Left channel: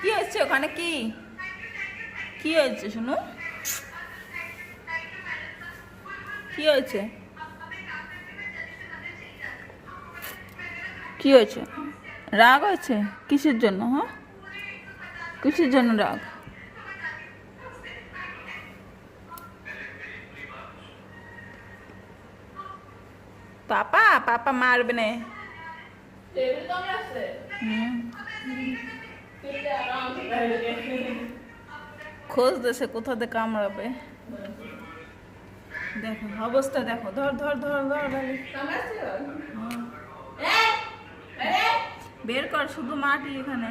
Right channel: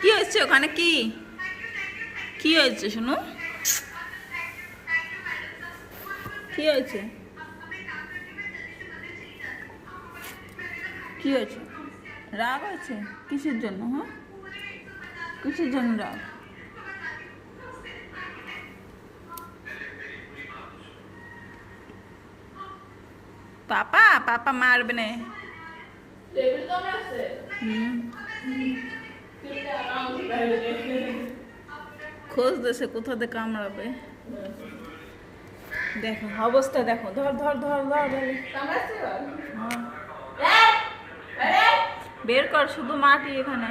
কি হচ্ছে ওখানে? কি কি হয়েছে শুনু? কি হয়েছে? কি হয়েছে? রাগ হয়েছে? কিসের জন্য? হ্যাঁ, কিসের জন্য রাগ? পাপা পাপা মারবে না। হুম, খোঁজ দেশে কোথাতে কামড়াবে। দেখো অবস্থা, দেখো। ধর ধর ধর ধর ধর। হ্যাঁ, বের কর, শুধু মাটি এখানে।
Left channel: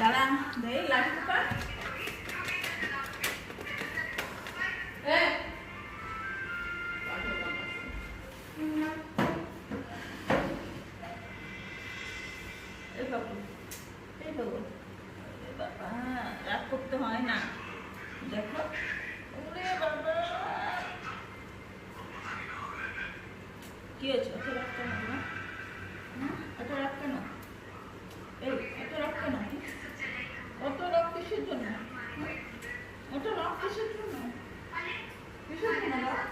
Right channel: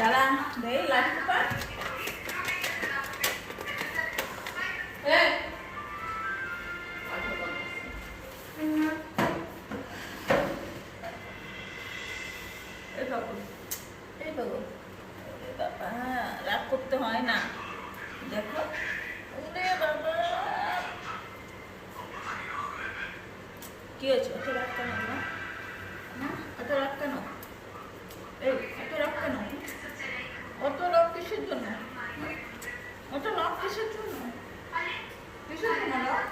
দাঁড়া, দেই লাঠি কর। এই বাবু, এই বাবু, ওরে বাবা, রাগ করতে হয় না। দেখো, ওরে বাবা, কি হয়েছে? অত রাগ কেন তোমার? হ্যাঁ, অত রাগ কেন? এই, অত রাগ কেন? অত রাগ কিসের জন্য? অত রাগ কিসের জন্য? কিসের জন্য রাগ?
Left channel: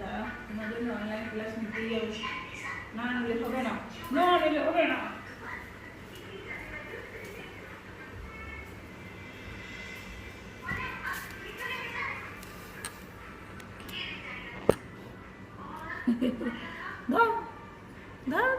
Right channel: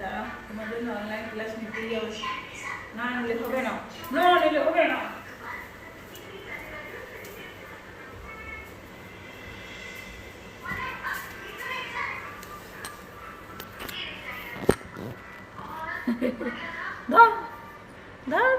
দাঁড়া, তোমার জন্য অনলাইন ক্লাস নিতে যাবো। না নিলে হবে না, না নিলে হবে না। ধর ধর।